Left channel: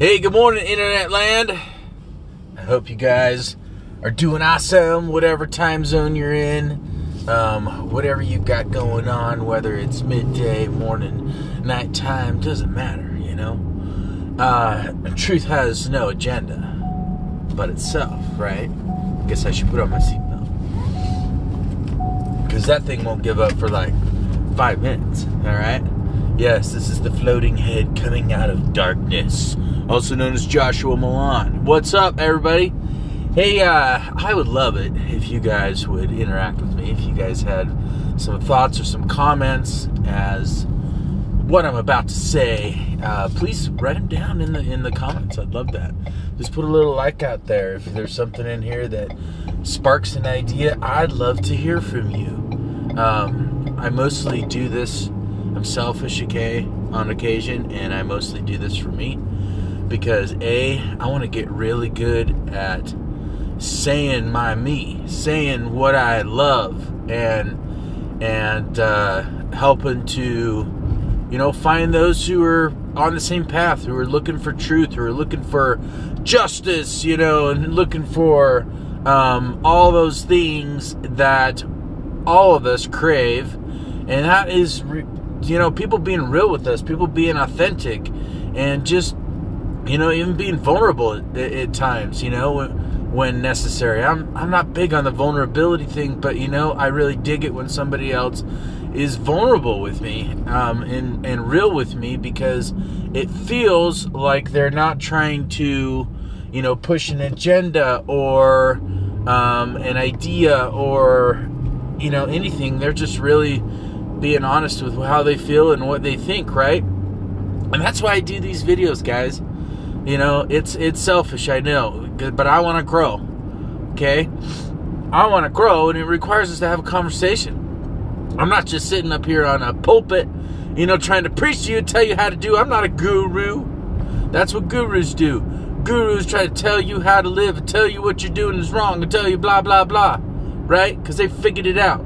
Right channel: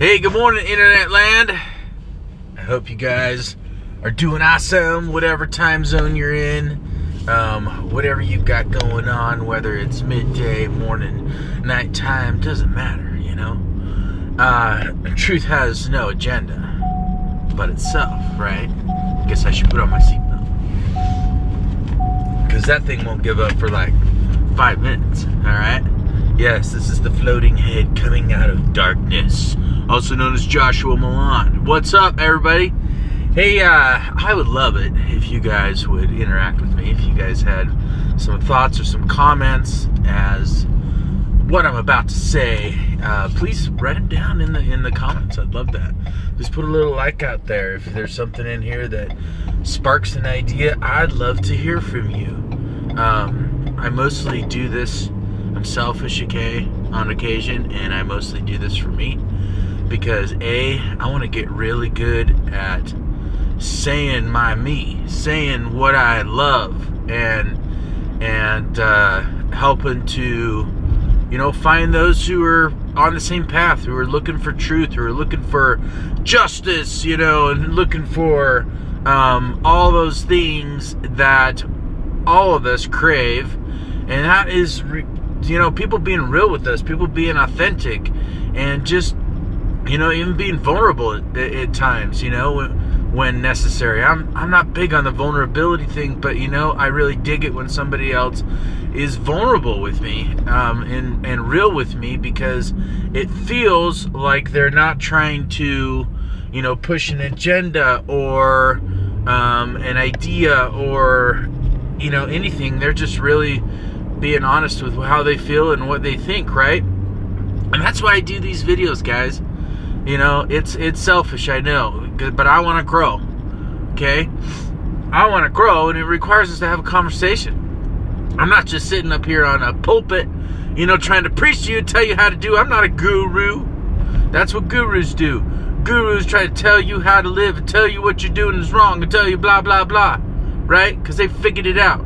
Hey, good morning, Internet land. I hope you guys are doing awesome, whatever time zone you're in, whatever you've got going on, whether it's midday, morning, nighttime, doesn't matter, you know. Truth has no agenda but itself, right? Guess I should put on my seatbelt, because that thing won't give up for like 5 minutes, all right? Yes, this is the floating head coming out of darkness, also known as Joshua Milan. What's up, everybody? Hey, I would love it if you guys would interact with me, if you guys had some thoughts or some comments as what I'm about to say. Please write them down in the comments. I'd love that. Just put a little like out there. If there's something in here that sparks an idea, I'd love to hear from you. I mostly do this. I'm selfish, okay, on occasion, and I mostly do this for me because I want to get really good at saying saying what I love, and helping to, you know, find those who are on the same path, who are looking for truth, who are looking for justice, you know, and looking for all those things that all of us crave, and that is, you know, people being real with us, people being authentic, and just, you know, even being vulnerable at times, you know, when necessary. I'm not big on the vulnerability thing, but, you know, I really dig it when somebody else is vulnerable with me, and real with me, because it feels like they're not trying to, you know, push an agenda or an idea or, you know, anything. They're just really being honest with how they feel and what they think, right? And that's why I do these videos, guys. You know, it's selfish, I know, but I want to grow, okay? I want to grow, and it requires us to have a conversation. I'm not just sitting up here on a pulpit, you know, trying to preach to you, tell you how to do. I'm not a guru. That's what gurus do. Gurus try to tell you how to live and tell you what you're doing is wrong and tell you blah, blah, blah, right? Because they figured it out.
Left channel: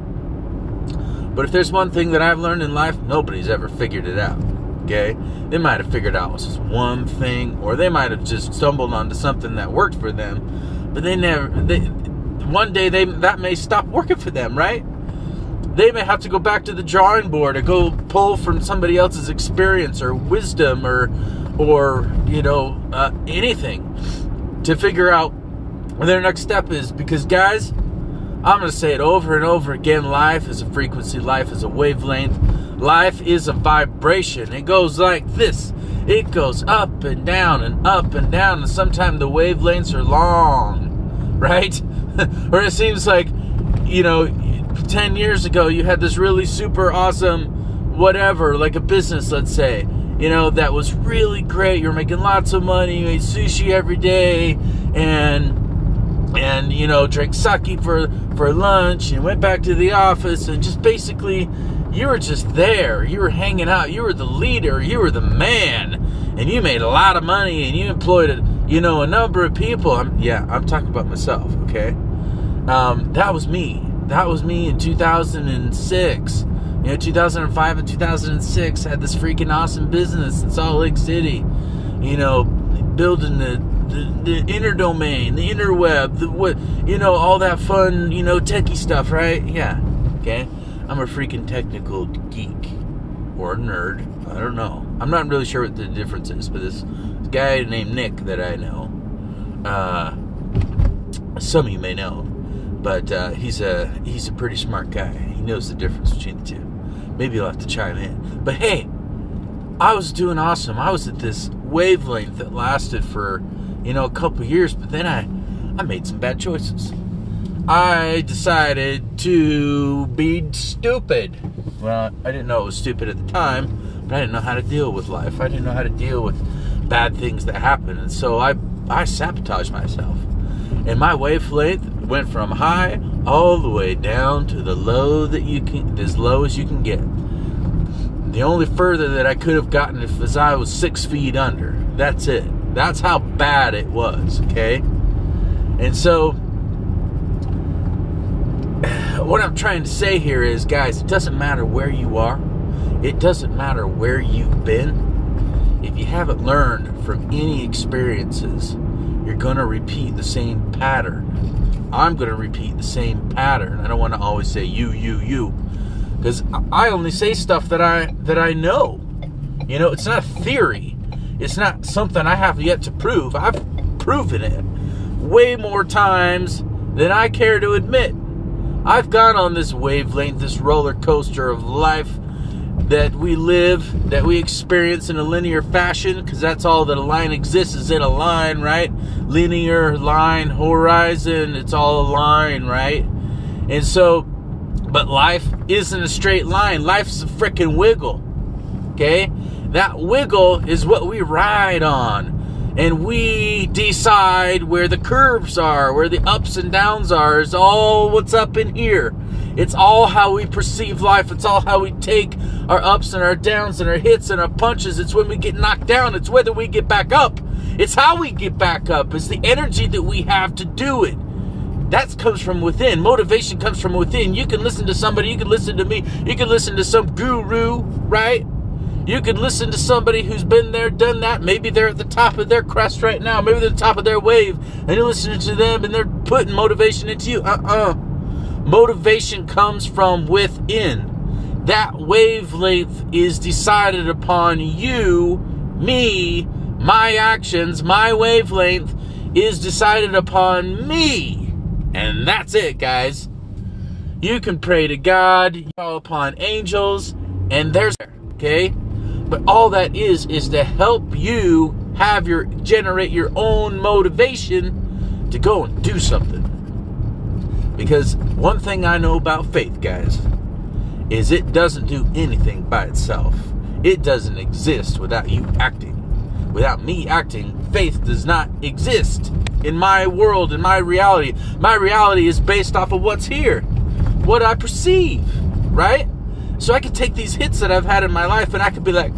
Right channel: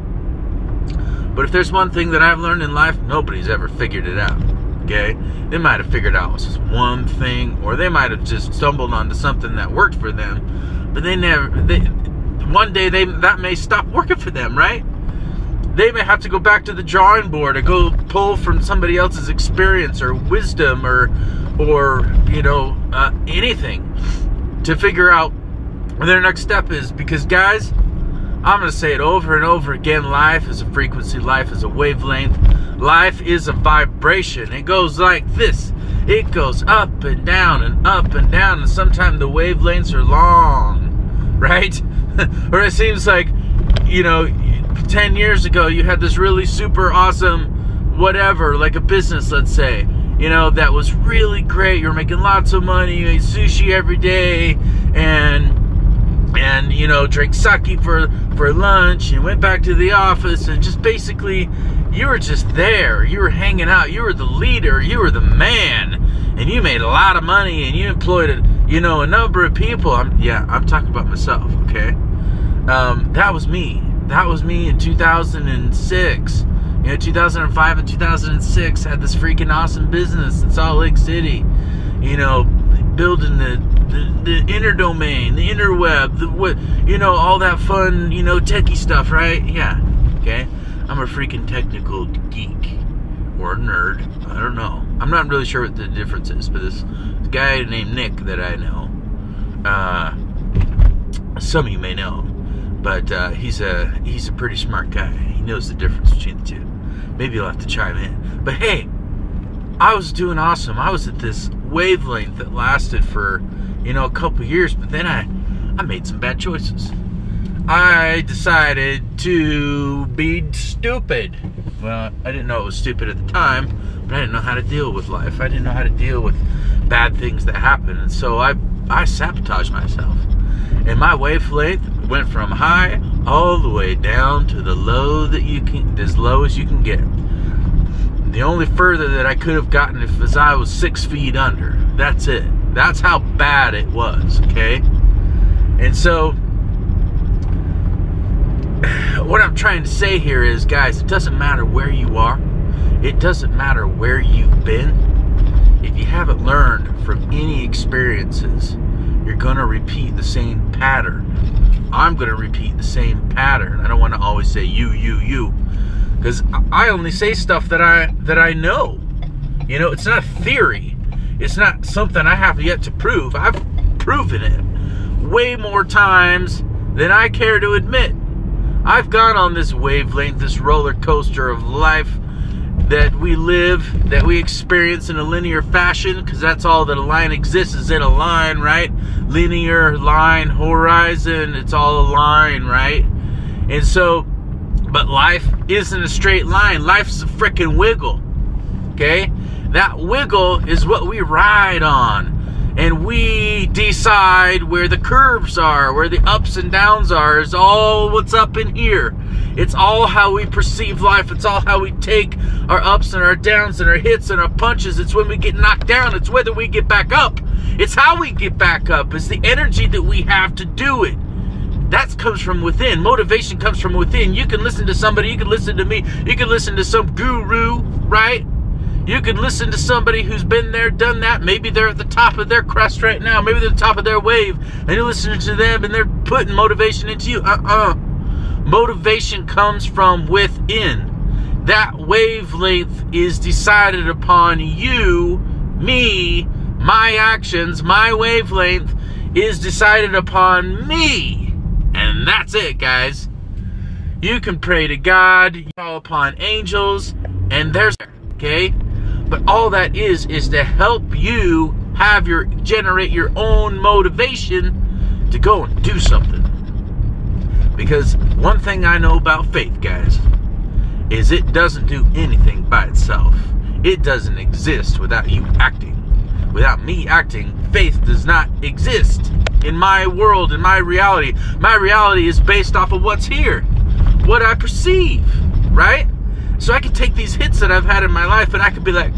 But if there's one thing that I've learned in life, nobody's ever figured it out, okay? They might have figured out just one thing, or they might have just stumbled onto something that worked for them, but one day that may stop working for them, right? They may have to go back to the drawing board or go pull from somebody else's experience or wisdom or you know, anything to figure out what their next step is. Because, guys, I'm going to say it over and over again. Life is a frequency. Life is a wavelength. Life is a vibration. It goes like this. It goes up and down and up and down. And sometimes the wavelengths are long, right? Or it seems like, you know, 10 years ago you had this really super awesome whatever, like a business, let's say, you know, that was really great. You're making lots of money. You ate sushi every day. And you know, drank sake for lunch, and went back to the office, and just basically you were just there. You were hanging out. You were the leader. You were the man, and you made a lot of money, and you employed a number of people. I'm talking about myself, okay? That was me. That was me in 2006. You know, 2005 and 2006, I had this freaking awesome business in Salt Lake City. You know, building the inner domain, the interweb, you know, all that fun, you know, techie stuff, right? Yeah, okay. I'm a freaking technical geek or nerd. I don't know. I'm not really sure what the difference is, but this guy named Nick that I know, some of you may know, but he's a pretty smart guy. He knows the difference between the two. Maybe you'll have to chime in. But hey, I was doing awesome. I was at this wavelength that lasted for, you know, a couple years, but then I made some bad choices. I decided to be stupid. Well, I didn't know it was stupid at the time, but I didn't know how to deal with life. I didn't know how to deal with bad things that happen, and so I sabotaged myself. And my wavelength went from high all the way down to the low as low as you can get. The only further that I could have gotten if I was 6 feet under. That's it. That's how bad it was, okay? And so, what I'm trying to say here is, guys, it doesn't matter where you are. It doesn't matter where you've been. if you haven't learned from any experiences, you're going to repeat the same pattern. I'm going to repeat the same pattern. I don't want to always say you, because I only say stuff that I know. You know, it's not theory. It's not something I have yet to prove. I've proven it way more times than I care to admit. I've gone on this wavelength, this roller coaster of life that we live, that we experience in a linear fashion, because that's all that a line exists, is in a line, right? Linear line, horizon, it's all a line, right? And so, but life isn't a straight line. Life's a freaking wiggle, okay? That wiggle is what we ride on. And we decide where the curves are, where the ups and downs are. It's all what's up in here. It's all how we perceive life. It's all how we take our ups and our downs and our hits and our punches. It's when we get knocked down. It's whether we get back up. It's how we get back up. It's the energy that we have to do it. That comes from within. Motivation comes from within. You can listen to somebody. You can listen to me. You can listen to some guru, right? You could listen to somebody who's been there, done that. Maybe they're at the top of their crest right now. Maybe they're at the top of their wave. And you're listening to them and they're putting motivation into you. Motivation comes from within. That wavelength is decided upon you, me, my actions. My wavelength is decided upon me. And that's it, guys. You can pray to God, you call upon angels, and there's, okay? But all that is to help you generate your own motivation to go and do something. Because one thing I know about faith, guys, is it doesn't do anything by itself. It doesn't exist without you acting. Without me acting, faith does not exist in my world, in my reality. My reality is based off of what's here, what I perceive, right? So I could take these hits that I've had in my life and I could be like,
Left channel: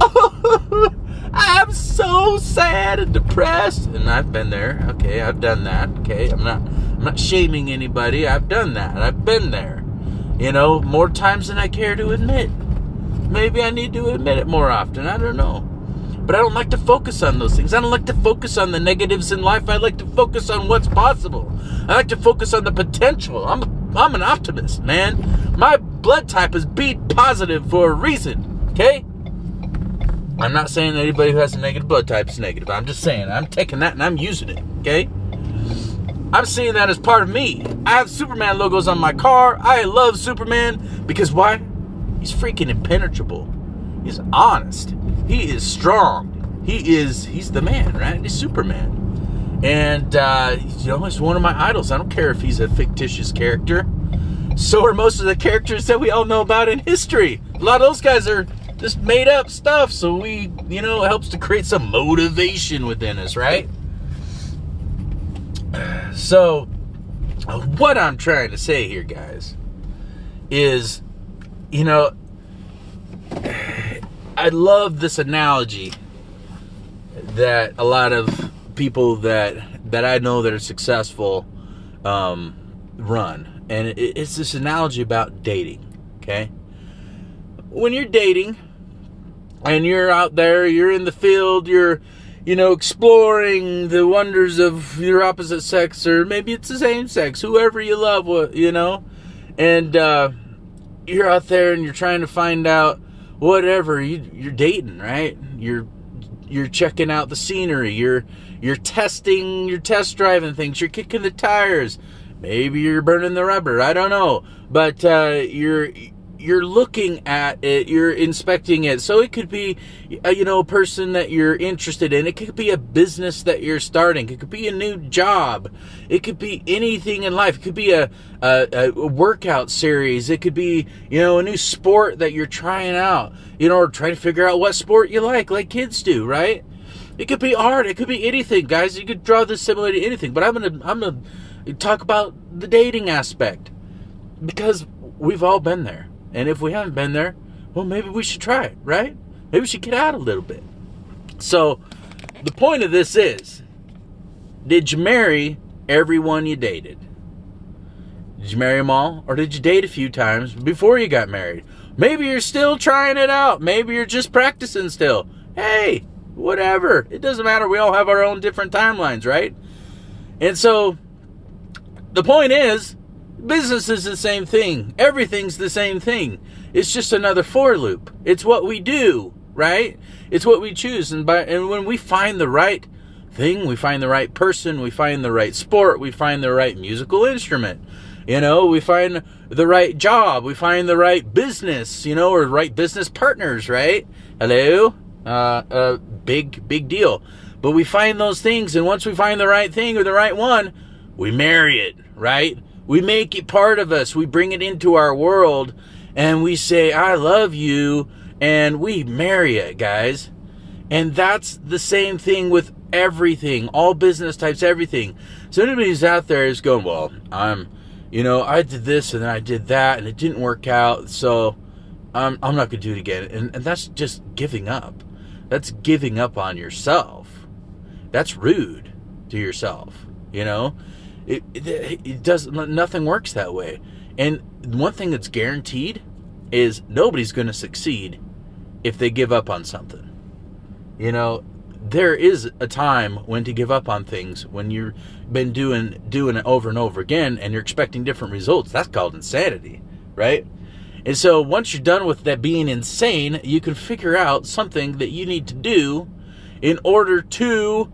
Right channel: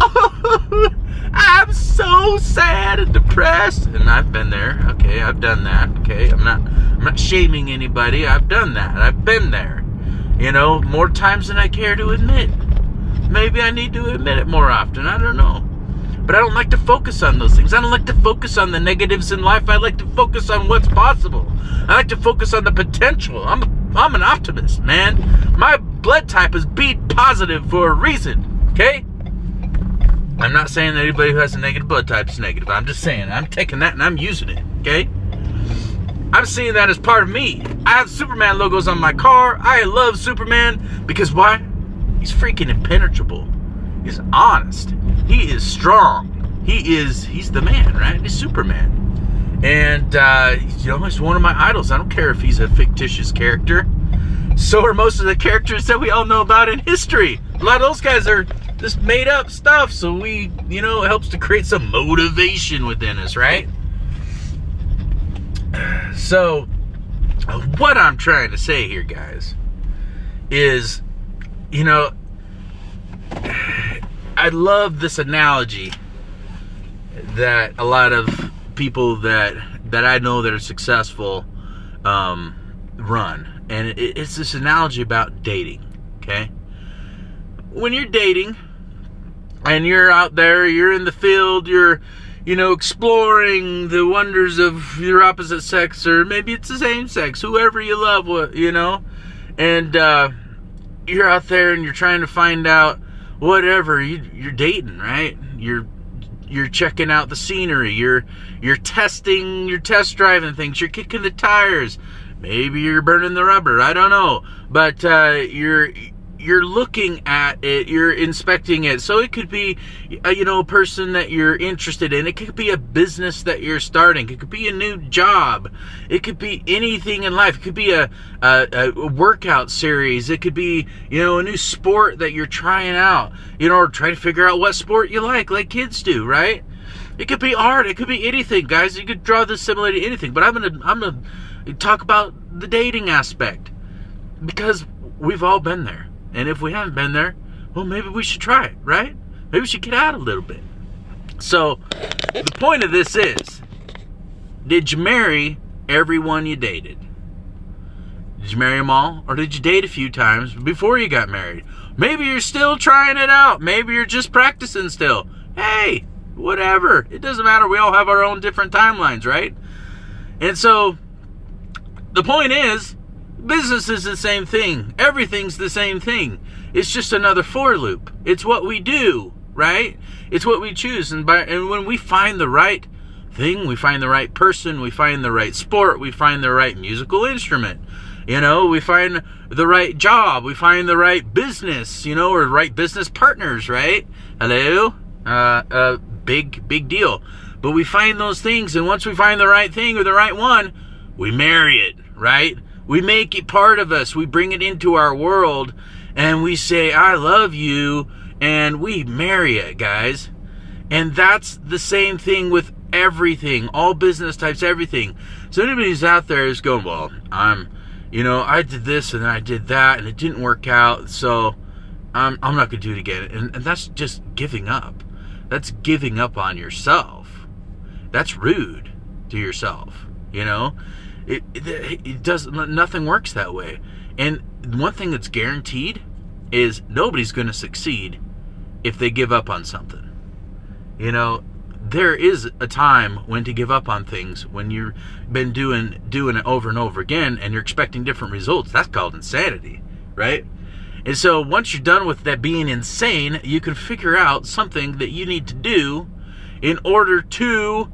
oh, I'm so sad and depressed. And I've been there. Okay, I've done that. Okay, I'm not shaming anybody. I've done that. I've been there. You know, more times than I care to admit. Maybe I need to admit it more often. I don't know. But I don't like to focus on those things. I don't like to focus on the negatives in life. I like to focus on what's possible. I like to focus on the potential. I'm an optimist, man. My blood type is B positive for a reason, okay? I'm not saying that anybody who has a negative blood type is negative. I'm just saying I'm taking that and I'm using it, okay? I'm seeing that as part of me. I have Superman logos on my car. I love Superman because why? He's freaking impenetrable. He's honest. He is strong. He's the man, right? He's Superman. And, he's one of my idols. I don't care if he's a fictitious character. So are most of the characters that we all know about in history. A lot of those guys are just made up stuff. So it helps to create some motivation within us, right? So, what I'm trying to say here, guys, is, I love this analogy that a lot of people that I know that are successful run. And it's this analogy about dating, okay? When you're dating and you're out there, you're in the field, you're, exploring the wonders of your opposite sex, or maybe it's the same sex, whoever you love, and you're out there and you're trying to find out whatever, you're dating, right? You're checking out the scenery, you're test driving things, you're kicking the tires, maybe you're burning the rubber, I don't know, but you're looking at it, you're inspecting it. So it could be a person that you're interested in, it could be a business that you're starting, it could be a new job, it could be anything in life, it could be a workout series, it could be a new sport that you're trying out, or trying to figure out what sport you like kids do, right? It could be art, it could be anything, guys. You could draw this similar to anything, but I'm gonna talk about the dating aspect, because we've all been there. And if we haven't been there, well, maybe we should try it, right? Maybe we should get out a little bit. So, the point of this is, did you marry everyone you dated? Did you marry them all? Or did you date a few times before you got married? Maybe you're still trying it out. Maybe you're just practicing still. Hey, whatever. It doesn't matter. We all have our own different timelines, right? And so the point is, business is the same thing. Everything's the same thing. It's just another for loop. It's what we do, right? It's what we choose. And when we find the right thing, we find the right person, we find the right sport, we find the right musical instrument, we find the right job, we find the right business, or right business partners, right? Hello? Big deal. But we find those things, and once we find the right thing or the right one, we marry it, right? We make it part of us. We bring it into our world, and we say, I love you, and we marry it, guys. And that's the same thing with everything, all business types, everything. So anybody who's out there is going, well, I did this and then I did that, and it didn't work out, so I'm not going to do it again. And that's just giving up. That's giving up on yourself. That's rude to yourself, It doesn't, nothing works that way. And one thing that's guaranteed is nobody's going to succeed if they give up on something. There is a time when to give up on things, when you've been doing it over and over again and you're expecting different results. That's called insanity, right? And so once you're done with that being insane, you can figure out something that you need to do in order to